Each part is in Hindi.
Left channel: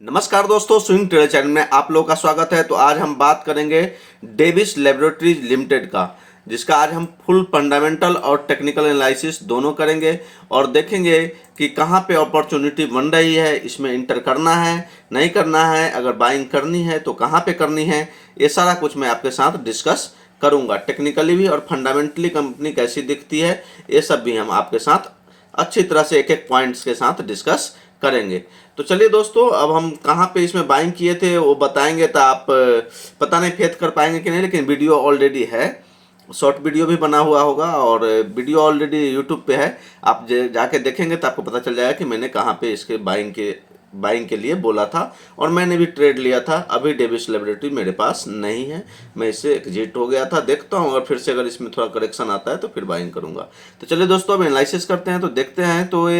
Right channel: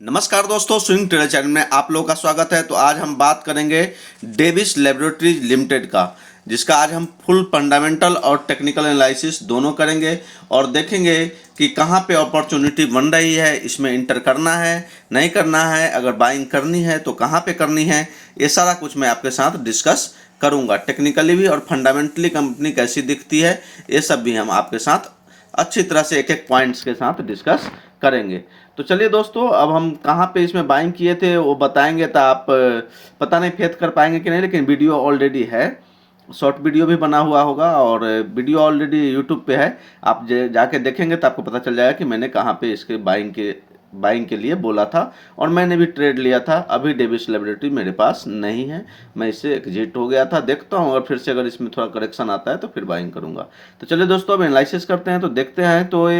नमस्कार दोस्तों, स्विंग ट्रेडर चैनल में आप लोगों का स्वागत है। तो आज हम बात करेंगे डेविस लेबोरेटरीज लिमिटेड का, जिसका आज हम फुल फंडामेंटल और टेक्निकल एनालिसिस दोनों करेंगे और देखेंगे कि कहां पे अपॉर्चुनिटी बन रही है, इसमें इंटर करना है नहीं करना है, अगर बाइंग करनी है तो कहां पे करनी है, ये सारा कुछ मैं आपके साथ डिस्कस करूंगा। टेक्निकली भी और फंडामेंटली कंपनी कैसी दिखती है, ये सब भी हम आपके साथ अच्छी तरह से एक एक पॉइंट्स के साथ डिस्कस करेंगे। तो चलिए दोस्तों, अब हम कहाँ पे इसमें बाइंग किए थे वो बताएंगे, तो आप पता नहीं फेथ कर पाएंगे कि नहीं, लेकिन वीडियो ऑलरेडी है, शॉर्ट वीडियो भी बना हुआ होगा और वीडियो ऑलरेडी यूट्यूब पे है। आप जाके देखेंगे तो आपको पता चल जाएगा कि मैंने कहाँ पे इसके बाइंग के लिए बोला था और मैंने भी ट्रेड लिया था। अभी डेविस लेबोरेटरी मेरे पास नहीं है, मैं इससे एग्जिट हो गया था। देखता हूँ और फिर से अगर इसमें थोड़ा करेक्शन आता है तो फिर बाइंग करूँगा। तो चलिए दोस्तों, अब एनालिसिस करते हैं। तो देखते हैं, तो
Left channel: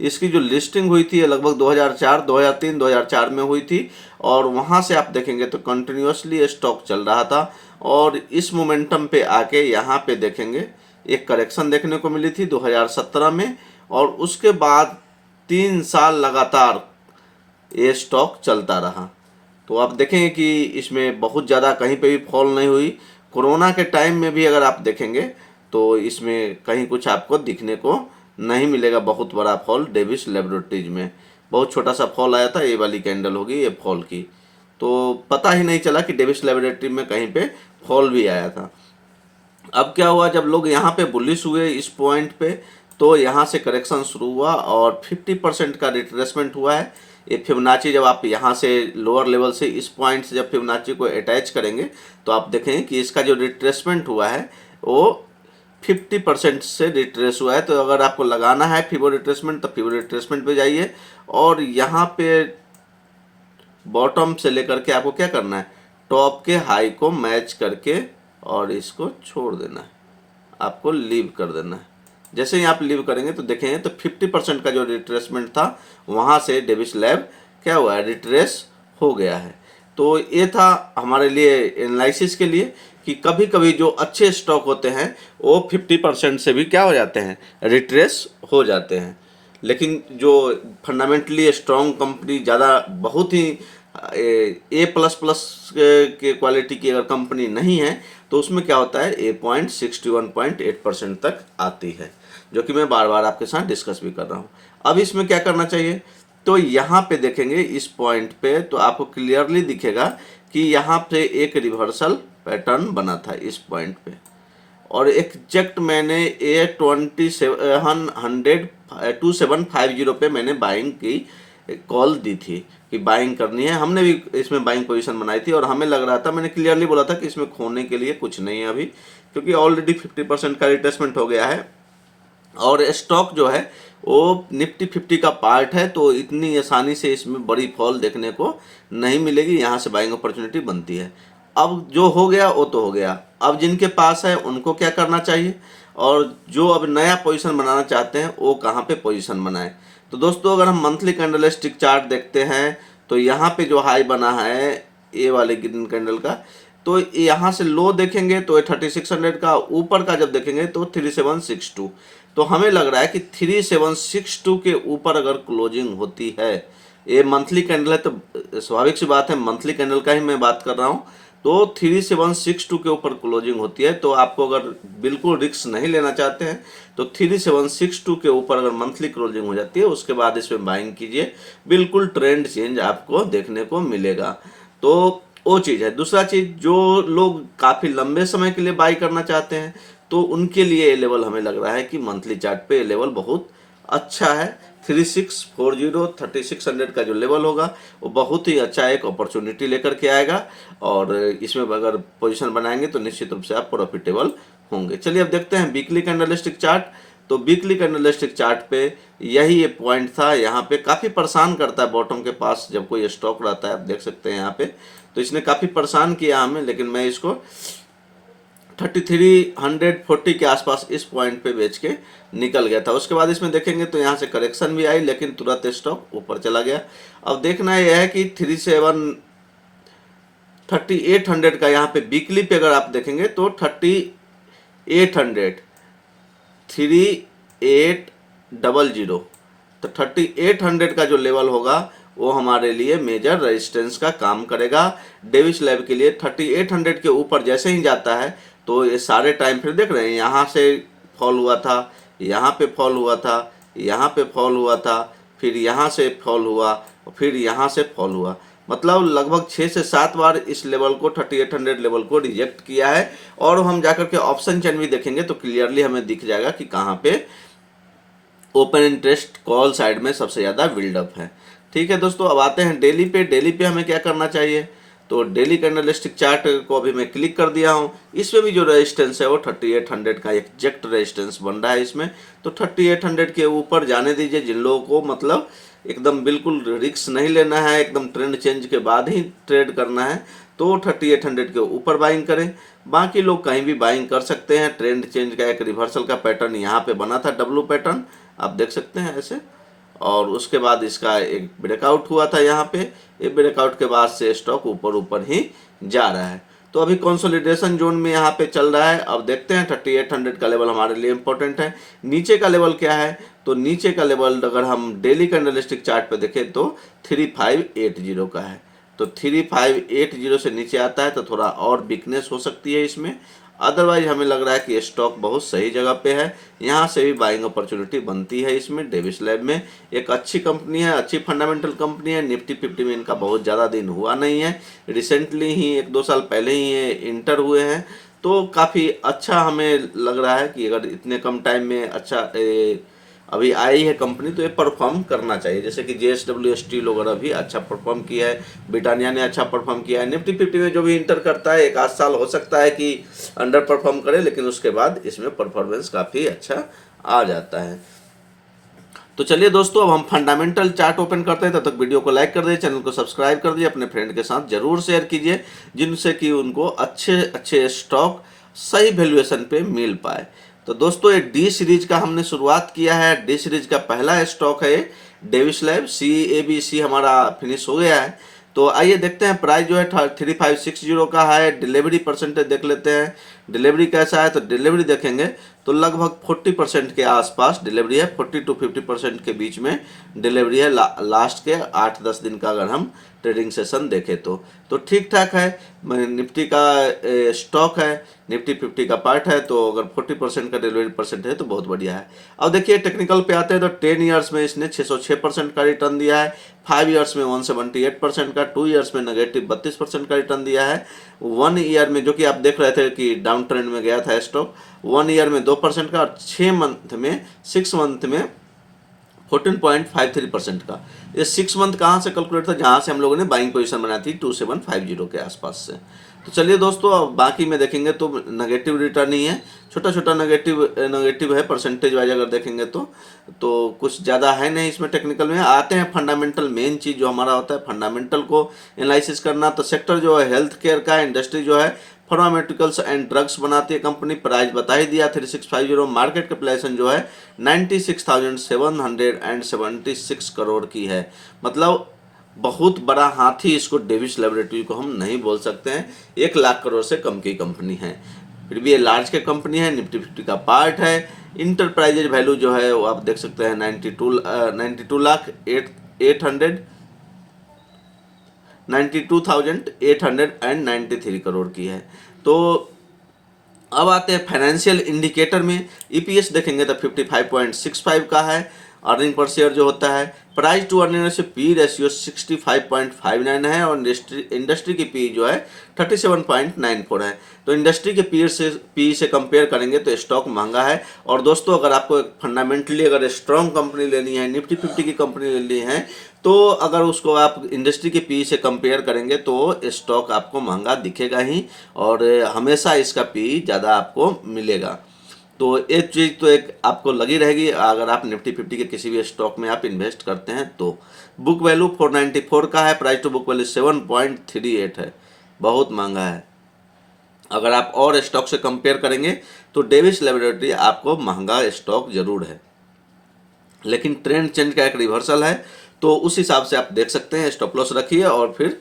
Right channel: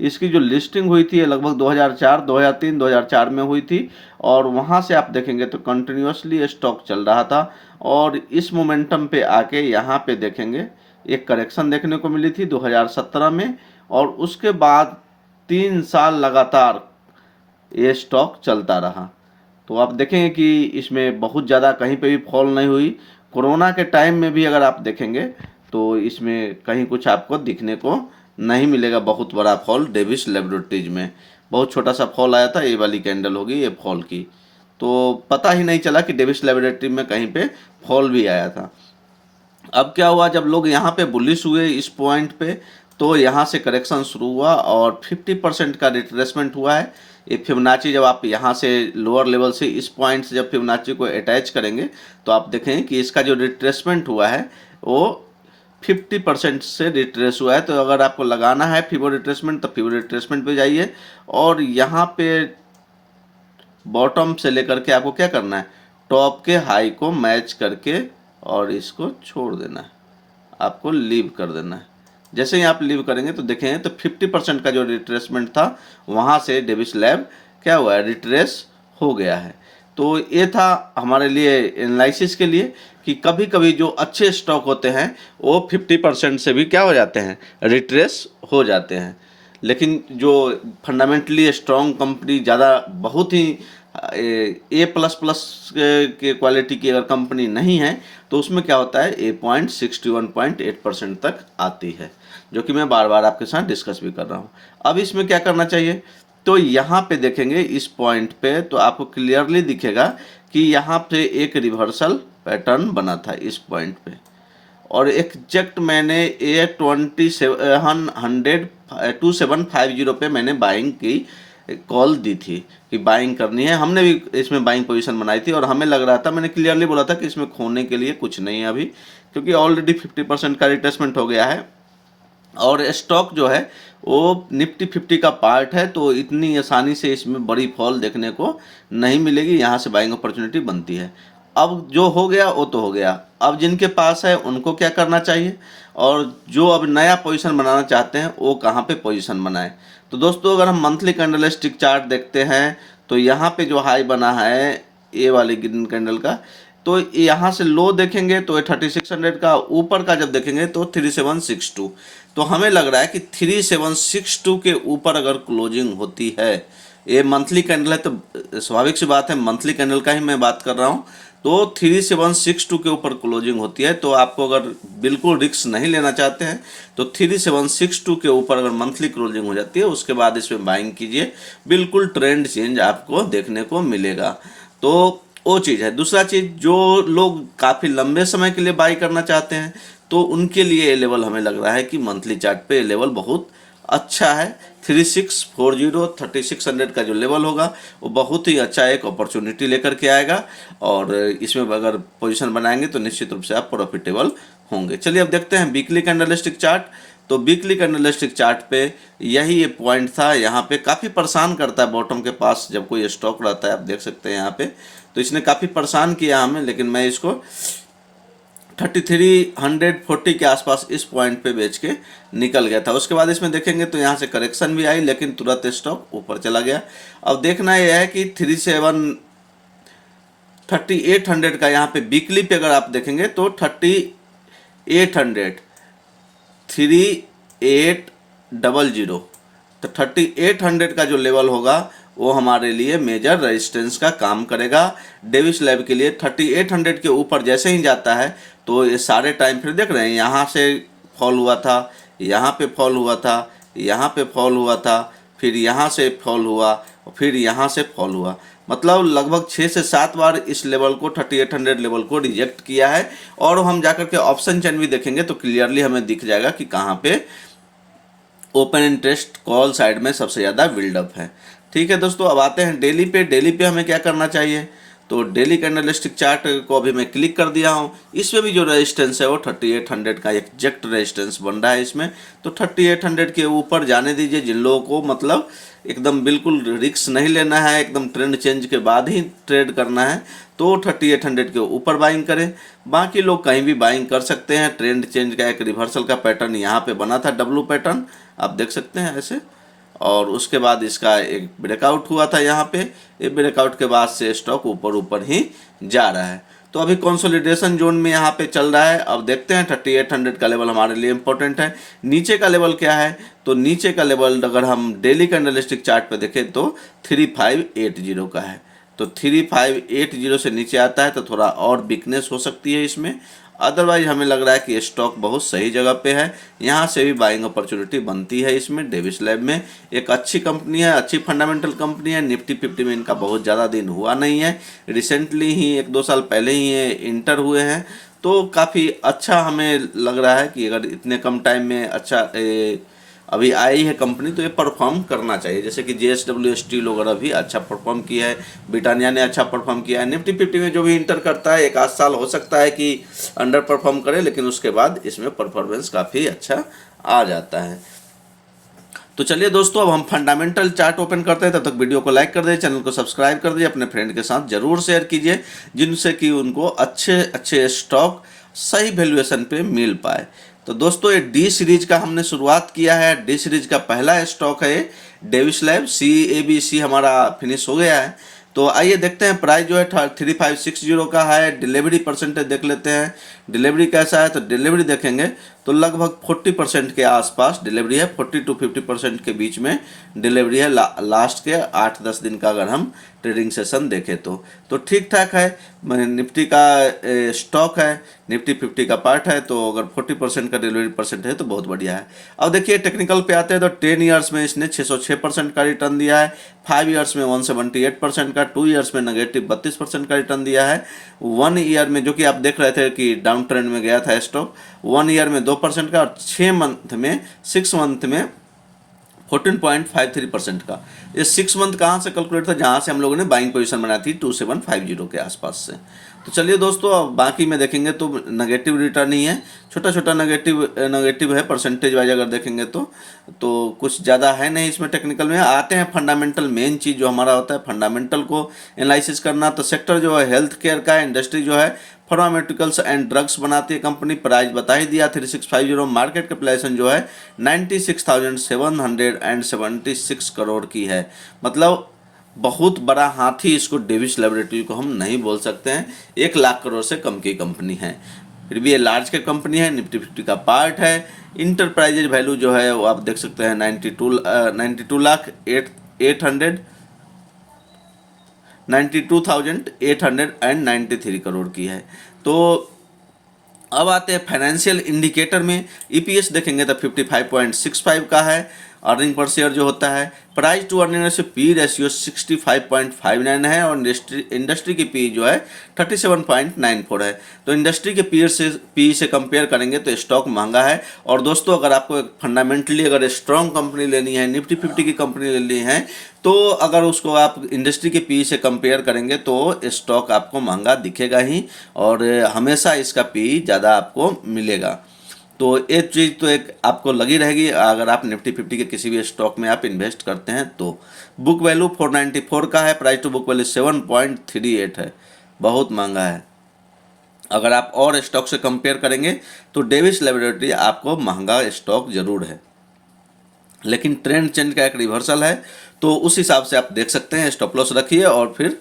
इसकी जो लिस्टिंग हुई थी लगभग 2004, 2003, 2004 में हुई थी और वहाँ से आप देखेंगे तो कंटिन्यूसली स्टॉक चल रहा था और इस मोमेंटम पे आके यहाँ पे देखेंगे एक करेक्शन देखने को मिली थी 2017 में और उसके बाद 3 साल लगातार ये स्टॉक चलता रहा। तो आप देखेंगे कि इसमें बहुत ज़्यादा कहीं पे भी फॉल नहीं हुई। कोरोना के टाइम में भी अगर आप देखेंगे तो इसमें कहीं कुछ आपको दिखने को नहीं मिलेगा बहुत बड़ा फॉल। डेविस लेबोरेटरीज में बहुत छोटा सा फॉल आया था, ये वाली कैंडल होगी ये फॉल की, तो पता ही नहीं चला कि डेविस लेबोरेटरी में कहीं पे फॉल भी आया था। अब क्या हुआ, जब लोग यहाँ पे बुलिश हुए इस पॉइंट पे, तो यहाँ से करेक्शन शुरू हुआ और 50% का रिट्रेसमेंट हुआ है। ये फिबोनाची, जब आप यहाँ से लोअर लेवल से इस पॉइंट से जब फिबोनाची को अटैच करेंगे तो आप देखेंगे कि इसका जो रिट्रेसमेंट हुआ है वो 50% से रिट्रेस हुआ है। तो अगर आपको लगाना है फिबो रिट्रेसमेंट तो फिबो रिट्रेसमेंट पे जाइए और यहाँ पे बॉटम से लेकर के आपको क्या करना है, टॉप के हाई को मैच करके और इसको छोड़ देना है, आपको लीव कर देना है। जैसे ही आप लीव करेंगे तो देखेंगे तो 50% का जो रिट्रेसमेंट था वहाँ से डेविस लैब क्या हुआ है, रिट्रेस हो गया है। तो ये था हमारे लिए एनालिसिस के लिए कि कभी कभी जो अच्छे स्टॉक होते हैं वो 50% से भी क्या हो जाते हैं, रिट्रेस हो जाते हैं। लेकिन जो फंडामेंटली स्ट्रॉन्ग कंपनी, ज़्यादा बहुत ही A++ के क्वालिटी की अगर कंपनी नहीं है तो उसमें क्या होता है, 61.8% तक आती है, जो कि मैं बार बार आपके साथ डिस्कस भी कर रहा हूँ। अब इसमें क्या करना चाहिए, तो यहाँ पे देखेंगे इस पॉइंट पे तो आपको क्लियरली दिखेगा कि यहाँ पे एक रिवर्सल पैटर्न बना था इस पॉइंट पे और एग्जैक्ट मैंने A2750 पे मैंने बाइंग की कॉल दी थी कि बाइंग करनी है। हमने भी इसमें बाइंग पोजीशन बनाई थी और हमें लग रहा था, मैंने क्लियरली बोला था कि इसमें खोने के लिए कुछ नहीं है अभी, क्योंकि ऑलरेडी 50% का रिट्रेसमेंट हो गया है और स्टॉक जो है वो निफ्टी 50 का पार्ट है, तो इतनी आसानी से इसमें बड़ी फॉल देखने को नहीं मिलेगी। यहाँ से बाइंग अपॉर्चुनिटी बनती है। अब जो हो गया वो तो हो गया, अब जिनके पास है उनको क्या करना चाहिए और जो अब नया पोजीशन बनाना चाहते हैं वो कहाँ पे पोजीशन बनाएं। तो दोस्तों, अगर हम मंथली कैंडलस्टिक चार्ट देखते हैं तो यहाँ पे जो हाई बना है ये वाले ग्रीन कैंडल का, तो यहाँ से लो देखेंगे तो 3600 का, ऊपर का जब देखेंगे तो 3762। तो हमें लग रहा है कि 3762 के ऊपर अगर क्लोजिंग होती है, ये मंथली कैंडल है तो स्वाभाविक सी बात है मंथली कैंडल का ही मैं बात कर रहा हूँ, तो 3762 के ऊपर क्लोजिंग होती है तो आपको अगर बिल्कुल रिस्क नहीं लेना चाहते हैं तो 3762 के ऊपर अगर मंथली क्लोजिंग हो जाती है उसके बाद इसमें बाइंग कीजिए, बिल्कुल ट्रेंड चेंज आपको देखने को मिलेगा। तो वो चीज़ है। दूसरा चीज़, जो लोग काफ़ी लंबे समय के लिए बाई करना चाहते हैं तो उनके लिए ये लेवल हमें लग रहा है कि मंथली चार्ट पे ये लेवल बहुत अच्छा है। 3640 3600 का जो लेवल होगा वो बहुत ही अच्छा एक अपॉर्चुनिटी लेकर के आएगा और इसमें अगर पोजीशन बनाएंगे तो निश्चित रूप से आप प्रॉफिटेबल होंगे। चलिए अब देखते हैं वीकली कैंडलस्टिक चार्ट। तो वीकली कैंडलस्टिक चार्ट पे यही ये पॉइंट था, यहाँ पे काफ़ी परेशान करता है बॉटम के पास जब कोई स्टॉक रहता है, आप देख सकते हैं यहाँ पे, तो इसने काफ़ी परेशान किया हमें, लेकिन मैं इसको 3340 के आसपास इस पॉइंट पे बेच के निकल गया था। उसके बाद इसमें देखेंगे तो यहाँ से करेक्शन भी आई लेकिन तुरंत स्टॉक ऊपर चला गया। अब देखना यह है कि 3800 का यहाँ पे वीकली पे अगर आप देखेंगे तो 3800 3800 तो 3800 का जो लेवल होगा वो हमारे लिए मेजर रेजिस्टेंस का काम करेगा। डेविस लैब के लिए 3800 के ऊपर जैसे ही जाता है तो ये सारे टाइम फिर देख रहे हैं, यहाँ से फॉल हुआ था, यहाँ पे फॉल हुआ था, यहाँ पे फॉल हुआ था, फिर यहाँ से फॉल हुआ, फिर यहाँ से फॉल हुआ। मतलब लगभग 6 से 7 बार इस लेवल को 3800 लेवल को रिजेक्ट किया है। और हम जाकर के ऑप्शन चेन भी देखेंगे तो क्लियरली हमें दिख जाएगा कि कहाँ पे ओपन इंटरेस्ट कॉल साइड में सबसे ज़्यादा बिल्डअप है। ठीक है दोस्तों, अब आते हैं डेली पे। डेली पे हमें क्या करना चाहिए, तो डेली कैंडलस्टिक चार्ट को अभी मैं क्लिक कर दिया हूँ। इसमें भी जो रेजिस्टेंस है वो 3800 का एग्जैक्ट रेजिस्टेंस बन रहा है इसमें। तो 3800 के ऊपर जाने दीजिए। जिन लोगों को मतलब एकदम बिल्कुल रिस्क नहीं लेना है, एकदम ट्रेंड चेंज के बाद ही ट्रेड करना है, तो 3800 के ऊपर बाइंग करें। बाकी लोग कहीं भी बाइंग कर सकते हैं। ट्रेंड चेंज का एक रिवर्सल का पैटर्न यहाँ पे बना था, डब्लू पैटर्न आप देख सकते हैं ऐसे, और उसके बाद इसका एक ब्रेकआउट हुआ था यहाँ पे। ये ब्रेकआउट के बाद से स्टॉक ऊपर ऊपर ही जा रहा है। तो अभी कंसोलिडेशन जोन में यहाँ पे चल रहा है। अब देखते हैं 3800 का लेवल हमारे लिए इंपॉर्टेंट है। नीचे का लेवल क्या है, तो नीचे का लेवल अगर हम डेली कैंडलस्टिक चार्ट पे देखें तो 3580 का है। तो 3580 से नीचे आता है तो थोड़ा और वीकनेस हो सकती है इसमें। अदरवाइज हमें लग रहा है कि स्टॉक बहुत सही जगह पे है। यहाँ से भी बाइंग अपॉर्चुनिटी बनती है इसमें। डेविस लैब में एक अच्छी कंपनी है, अच्छी फंडामेंटल कंपनी है। निफ्टी 50 में इनका बहुत ज़्यादा दिन हुआ नहीं है, रिसेंटली ही 1-2 साल पहले ही ये इंटर हुए हैं। तो काफ़ी अच्छा हमें लग रहा है कि अगर इतने कम टाइम में अच्छा अभी आई है कंपनी तो ये परफॉर्म करना चाहिए। जैसे कि JSW स्टील वगैरह भी अच्छा परफॉर्म किया है, ब्रिटानिया ने अच्छा परफॉर्म किया है। निफ्टी 50 में जो भी इंटर करता है 1-8 साल हो सकता है कि अंडर परफॉर्म करे, लेकिन उसके बाद इसमें परफॉर्मेंस काफ़ी अच्छा आ जाता है। तो चलिए दोस्तों, अब हम फंडामेंटल चार्ट ओपन करते हैं। तब तक वीडियो को लाइक कर दीजिए, चैनल को सब्सक्राइब कर दीजिए, अपने फ्रेंड के साथ जरूर शेयर कीजिए, जिनसे कि उनको अच्छे अच्छे स्टॉक सही वैल्यूएशन पे मिल पाए। तो दोस्तों, ये डी सीरीज का हमने शुरुआत किया है। डी सीरीज का पहला स्टॉक है डेविस लैब। CABC हमारा फिनिश हो गया है। तो आइए देखते हैं प्राइस जो है 3560 का है। डिलीवरी परसेंटेज देख लेते हैं, डिलीवरी कैसा है। तो डिलीवरी देखेंगे तो लगभग 40% के आसपास डिलीवरी है। 40 to 50% के बीच में डिलीवरी है लास्ट के 8-10 दिन का अगर हम ट्रेडिंग सेशन देखें तो ठीक ठाक है। निफ्टी का स्टॉक है, निफ्टी 50 का पार्ट है, तो अगर 40% का डिलीवरी परसेंट है तो बहुत बढ़िया है। अब देखिए टेक्निकल पे आते हैं तो 10 ईयर्स में इसने 606% का रिटर्न दिया है, 5 ईयर्स में 178% का, 2 ईयर्स में नेगेटिव 32% का रिटर्न दिया है। 1 ईयर में, जो कि आप देख रहे थे कि डाउन ट्रेंड में गया था स्टॉक, 1 ईयर में 2% का, और 6 मंथ में 14.53% का। ये 6 मंथ कहाँ से कैलकुलेट था, जहाँ से हम लोगों ने बाइंग पोजीशन बनाई थी 2750 के आसपास से। तो चलिए दोस्तों, अब बाकी में देखेंगे तो नेगेटिव रिटर्न ही है, छोटा छोटा नेगेटिव है परसेंटेज वाइज अगर देखेंगे तो कुछ ज़्यादा है नहीं इसमें। टेक्निकल में आते हैं फंडामेंटल, मेन चीज़ जो हमारा होता है फंडामेंटल को एनालिसिस करना। तो सेक्टर जो है हेल्थ केयर का, इंडस्ट्री जो है फार्मास्यूटिकल्स एंड ड्रग्स बनाती है कंपनी। प्राइस बता ही दिया 3650। मार्केट कैपिटलाइजेशन जो है 96,776 करोड़ की है। मतलब बहुत बड़ा हाथी इसको डेविस लैबोरेटरी को हम नहीं बोल सकते हैं। 1 लाख करोड़ से कम की कंपनी है, फिर भी ये लार्ज कैप कंपनी है, निफ्टी 50 का पार्ट है। इंटरप्राइजेज वैल्यू जो है वो आप देख सकते हैं 92,893 करोड़ की है। तो अब आते हैं फाइनेंशियल इंडिकेटर में। EPS देखेंगे तो 55.65 का है। अर्निंग पर शेयर जो होता है, price to earning ratio P ratio 65.59 है, और इंडस्ट्री की पी जो है 37.94 है। तो इंडस्ट्री के पी से कंपेयर करेंगे तो स्टॉक महंगा है। और दोस्तों, अगर आपको एक फंडामेंटली अगर स्ट्रॉन्ग कंपनी लेनी है, निफ्टी 50 की कंपनी लेनी है, तो अगर उसको आप इंडस्ट्री के पी से कंपेयर करेंगे तो स्टॉक आपको महंगा दिखेगा ही, और हमेशा इसका पी ज़्यादा आपको मिलेगा। तो एक चीज़ तो एक आपको लगी रहेगी अगर आप निफ्टी 50 के किसी भी स्टॉक में आप इन्वेस्ट करते हैं तो। बुक वैल्यू 494 का है, प्राइस टू बुक वैल्यू 7.38 है, बहुत महंगा है। अगर आप और स्टॉक से कंपेयर करेंगे तो डेविस लैबोरेटरी आपको महंगा स्टॉक जरूर है, लेकिन ट्रेंड चेंज का एक रिवर्सल है, तो उस हिसाब से आप देख सकते हैं। स्टॉप लॉस रखिए और फिर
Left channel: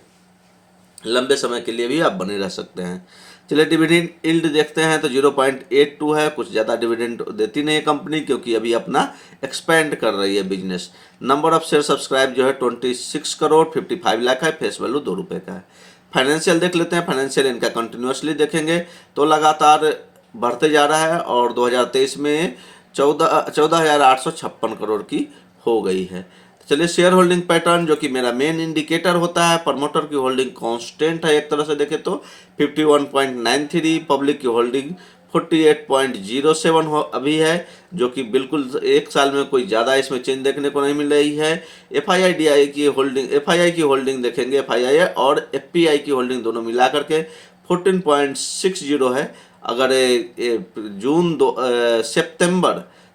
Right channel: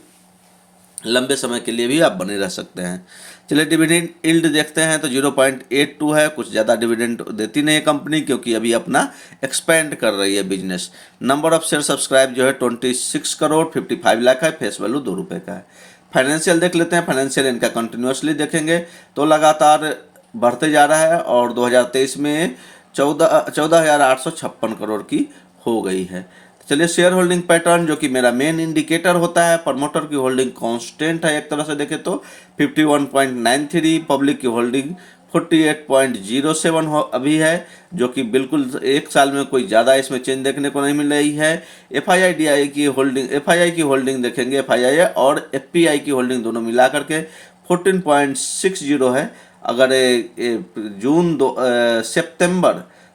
लंबे समय के लिए भी आप बने रह सकते हैं। चलिए डिविडेंड यील्ड देखते हैं तो 0.82 है, कुछ ज़्यादा डिविडेंड देती नहीं है कंपनी, क्योंकि अभी अपना एक्सपेंड कर रही है business. Number of share subscribe जो है 26 करोड़ 55 लाख है, फेस वैल्यू 2 रुपये का है। फाइनेंशियल देख लेते हैं, फाइनेंशियल इनका कंटिन्यूसली देखेंगे तो लगातार बढ़ते जा रहा है और 2023 में 14,856 करोड़ की हो गई है। चलिए शेयर होल्डिंग पैटर्न, जो कि मेरा मेन इंडिकेटर होता है, प्रमोटर की होल्डिंग कांस्टेंट है एक तरह से देखें तो 51.93, पब्लिक की होल्डिंग 48.07 अभी है, जो कि बिल्कुल एक साल में कोई ज़्यादा इसमें चेंज देखने को नहीं मिल रही है। एफआईआई की होल्डिंग देखेंगे, एफआईआई और एफपीआई की होल्डिंग दोनों मिला करके 14.60 है। अगर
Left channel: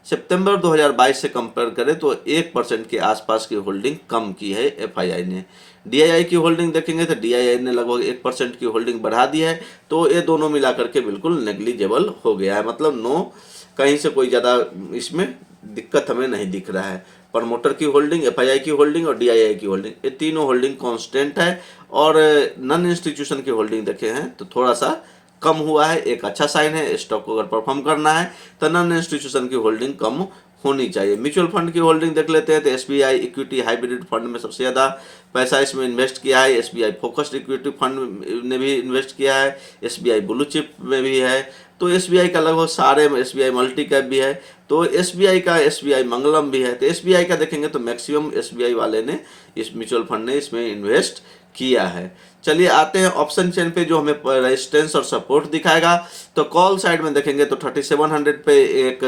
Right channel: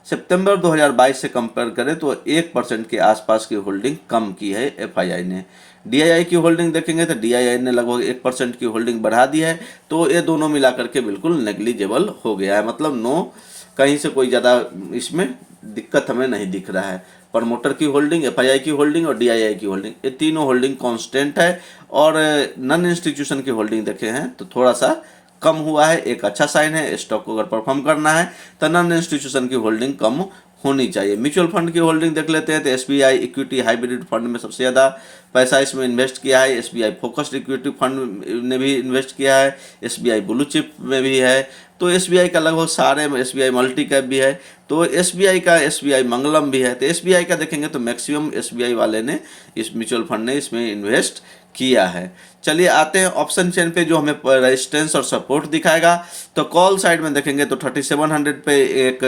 सितंबर 2022 से कंपेयर करें तो 1% के आसपास की होल्डिंग कम की है एफआईआई ने। डीआईआई की होल्डिंग देखेंगे तो डीआईआई ने लगभग 1% की होल्डिंग बढ़ा दी है, तो ये दोनों मिला करके बिल्कुल नेग्लिजिबल हो गया है, मतलब नो, कहीं से कोई ज़्यादा इसमें दिक्कत हमें नहीं दिख रहा है। प्रमोटर की होल्डिंग, एफआईआई की होल्डिंग और डीआईआई की होल्डिंग, ये तीनों होल्डिंग कांस्टेंट है। और नॉन इंस्टीट्यूशन की होल्डिंग देखे हैं तो थोड़ा सा कम हुआ है, एक अच्छा साइन है। स्टॉक को अगर परफॉर्म करना है तो नॉन इंस्टीट्यूशन की होल्डिंग कम होनी चाहिए। म्यूचुअल फंड की होल्डिंग देख लेते हैं तो एसबीआई इक्विटी हाइब्रिड फंड में सबसे ज़्यादा पैसा इसमें इन्वेस्ट किया है। एसबीआई फोकस्ड इक्विटी फंड ने भी इन्वेस्ट किया है, एसबीआई ब्लू चिप में भी है। तो एसबीआई का लगभग सारे, एसबीआई मल्टी कैप भी है, तो एसबीआई का एसबीआई मंगलम भी है। तो एसबीआई का देखेंगे तो मैक्सिमम एसबीआई वाले ने, इस म्यूचुअल फंड ने इसमें इन्वेस्ट किया है। चलिए आते हैं ऑप्शन चेन पे, जो हमें रेजिस्टेंस और सपोर्ट दिखाएगा। तो कॉल साइड में देखेंगे तो 3700 पे एक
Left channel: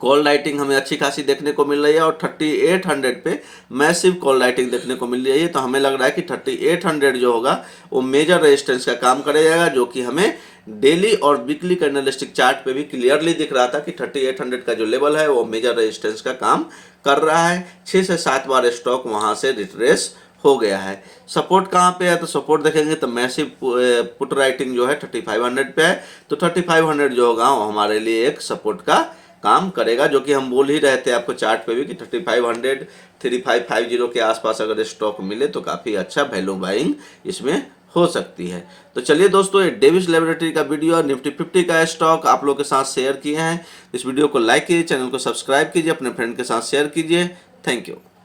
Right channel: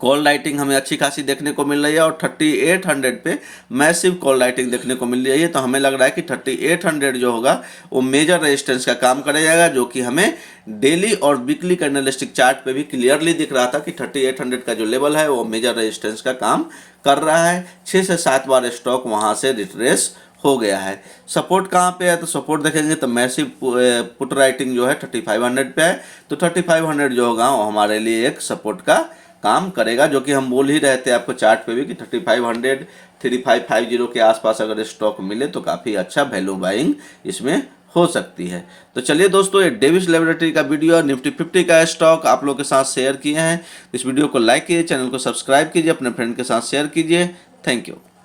कॉल राइटिंग हमें अच्छी खासी देखने को मिल रही है और 3800 पे मैसिव कॉल राइटिंग देखने को मिल रही है। तो हमें लग रहा है कि 3800 जो होगा वो मेजर रेजिस्टेंस का काम करेगा, जो कि हमें डेली और वीकली कैंडलस्टिक चार्ट पे भी क्लियरली दिख रहा था कि 3800 का जो लेवल है वो मेजर रेजिस्टेंस का काम कर रहा है। 6 से 7 बार स्टॉक वहां से रिट्रेस हो गया है। सपोर्ट कहाँ पे है तो सपोर्ट देखेंगे तो मैसिव पुट राइटिंग जो है 3500 पे है। तो 3500 जो होगा वो हमारे लिए एक सपोर्ट का काम करेगा, जो कि हम बोल ही रहे थे आपको चार्ट पे भी कि 3500 3550 के आसपास अगर स्टॉक मिले तो काफ़ी अच्छा वैल्यू बाइंग इसमें हो सकती है। तो चलिए दोस्तों, ये डेविस लैबोरेटरी का वीडियो निफ्टी 50 का स्टॉक आप लोग के साथ शेयर किए हैं। इस वीडियो को लाइक कीजिए, चैनल को सब्सक्राइब कीजिए, अपने फ्रेंड के साथ शेयर कीजिए। Thank you.